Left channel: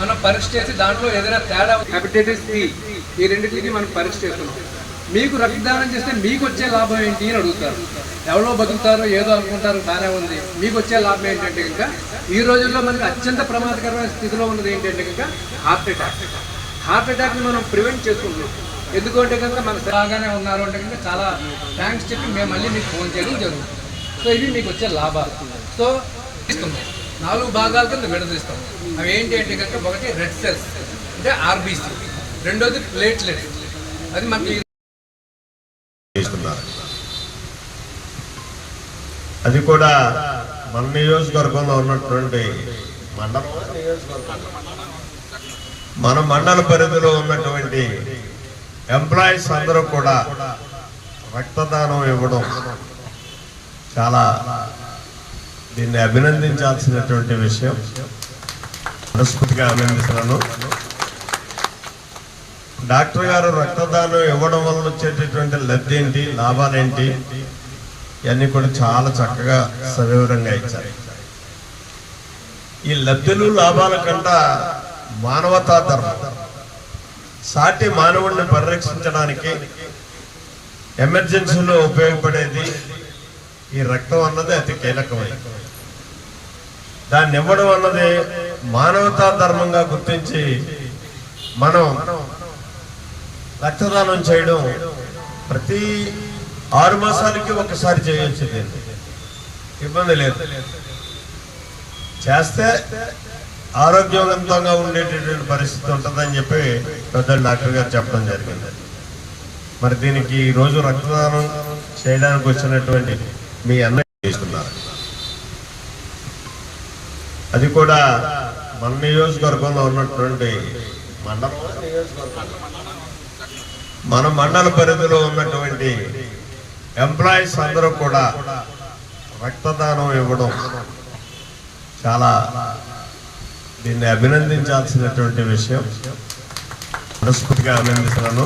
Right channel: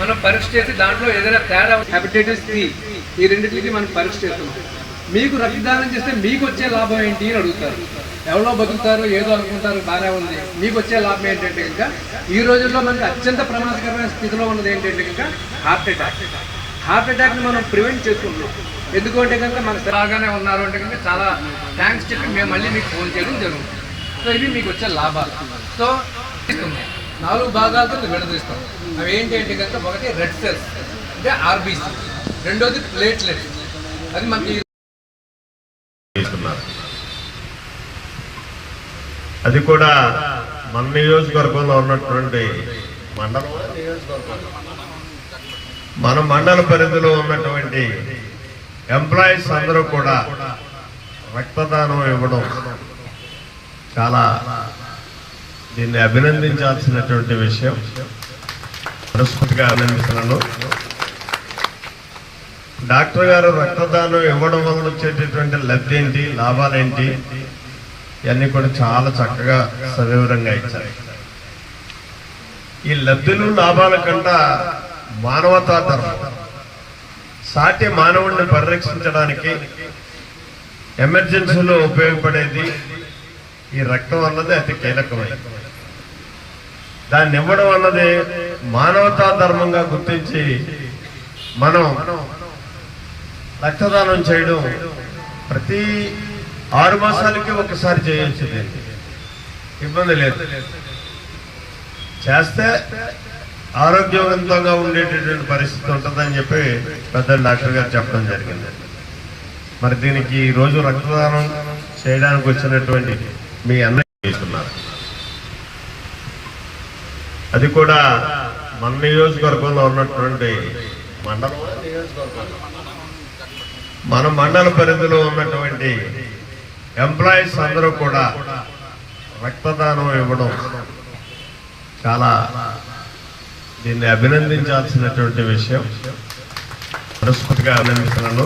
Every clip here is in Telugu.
మనం పరీక్ష చేసి దాంట్లో ఏదైనా తేడా హెపటైటిస్ సి ఈ రెండింటికి మనం పరీక్ష చేస్తున్నాం మీకు రక్తదానం చేస్తే మీకు వచ్చే లాభం ఏంటి అని అడుగుతారు. ఎవరో బతుకుతారో ఏదో అనుకుంటారు బాగా ఉంది. మీకు వచ్చే లాభం ఏంటంటే కనుక ఈ రోజుల్లో మనకి అత్యంత ప్రమాదకరమైన స్థితిలో ఉన్నది ఏంటంటే కనుక హార్ట్ అటాక్. హార్ట్ అటాక్ని మనం ప్రివెంట్ చేసుకుంటున్నాం ఎందుకంటే కనుక మనకు బాగానే ఉన్నారు అంటే కనుక చాలా థ్యాంక్స్ చెప్పి మేము మళ్ళీ మీకు ఫోన్ చేయడం జరుగుతుంది. సో ఇవి మీకు వచ్చే లాభాలు. సో తీసుకుందాం. నాలుగు భాగాల కింద విడదీస్తాం అవి ఏంటి అంటే కనుక ఒకటి రెడ్ సెల్స్ అంటే ఆర్బీసీ రెండోది ప్లేట్లెట్ అది మనకి అది కూడా మన నియోజకవర్గంలో ఉన్నటువంటి మండలం. మన మండల పరిధిలో ఉన్నటువంటి ఎంప్లాయీస్ అందరూ కూడా రక్తదానం ఇవ్వడం చాలా దీన్ని అభినందించాల్సినటువంటి విషయం. మనస్ఫూర్తిగా అభినందిస్తున్నాను. డాక్టర్ గారు రక్తదానం ఇవ్వడం వల్ల వచ్చేటటువంటి లబ్ధి ఏంటి లాభాలేంటి ఇవన్నీ కూడా చాలా చక్కగా సవివరంగా ఇచ్చారు. ఈ లబ్ధులు లాభాల కంట మానవతా ధర్మం సాటి మానవుడిని పరిరక్షించడానికి ఎమర్జెన్సీలో ఉపయోగపడేది ఈ రక్తం అన్నది అతి కీలకమైనది. దాన్ని ఇవ్వడం అన్నది మానవతా ధర్మంగా గుర్తించి మనం రక్తదానం చేయడం ప్రతి ఆరు మాసాలకి ఒకసారి చేయొచ్చు దీన్ని. ఇబ్బంది లేదు. చేస్తే ఆరోగ్యవంతంగా ఉండేటటువంటి పరిస్థితి ఉంటుందని చెప్పి పెద్ద డాక్టర్ గారు చెప్పడం జరిగింది. మరి దీనికి ఈరోజు రక్తదానం చేయడానికి వచ్చినటువంటి మీ అన్నయ్య తీసుకున్నారు అది కూడా మన నియోజకవర్గంలో ఉన్నటువంటి మండలం. మన మండల పరిధిలో ఉన్నటువంటి ఎంప్లాయీస్ అందరూ కూడా రక్తదానం ఇవ్వడం చాలా దీన్ని అభినందించాల్సినటువంటి విషయం. మనస్ఫూర్తిగా అభినందిస్తున్నాను.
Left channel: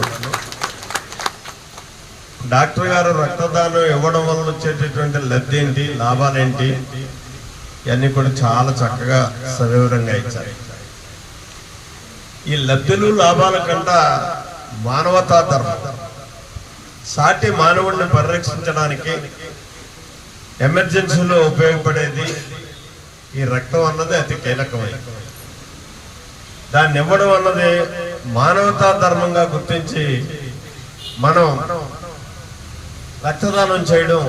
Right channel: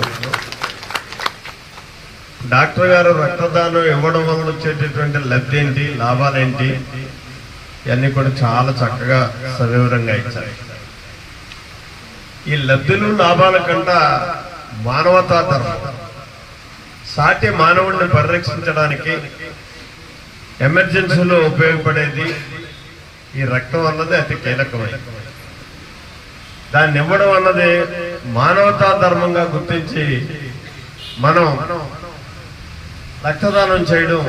డాక్టర్ గారు రక్తదానం ఇవ్వడం వల్ల వచ్చేటటువంటి లబ్ధి ఏంటి? లాభాలేంటి ఇవన్నీ కూడా చాలా చక్కగా సవివరంగా ఇచ్చారు. ఈ లబ్ధులు లాభాల కంట మానవతా ధర్మం. సాటి మానవుడిని పరిరక్షించడానికి ఎమర్జెన్సీలో ఉపయోగపడేది ఈ రక్తం అన్నది అతి కీలకమైనది. దాన్ని ఇవ్వడం అన్నది మానవతా ధర్మంగా గుర్తించి మనం రక్తదానం చేయడం